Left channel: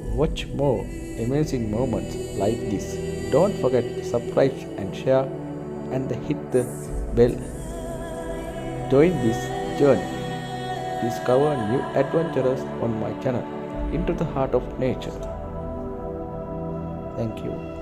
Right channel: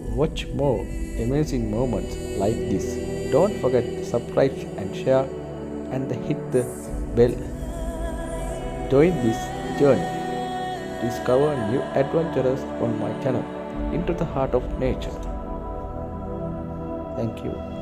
watch more amazing moments like this. Don't forget to subscribe and share and hit the bell. Join this journey. Discover new adventures on my channel Into the Heart of Nature. Thank you.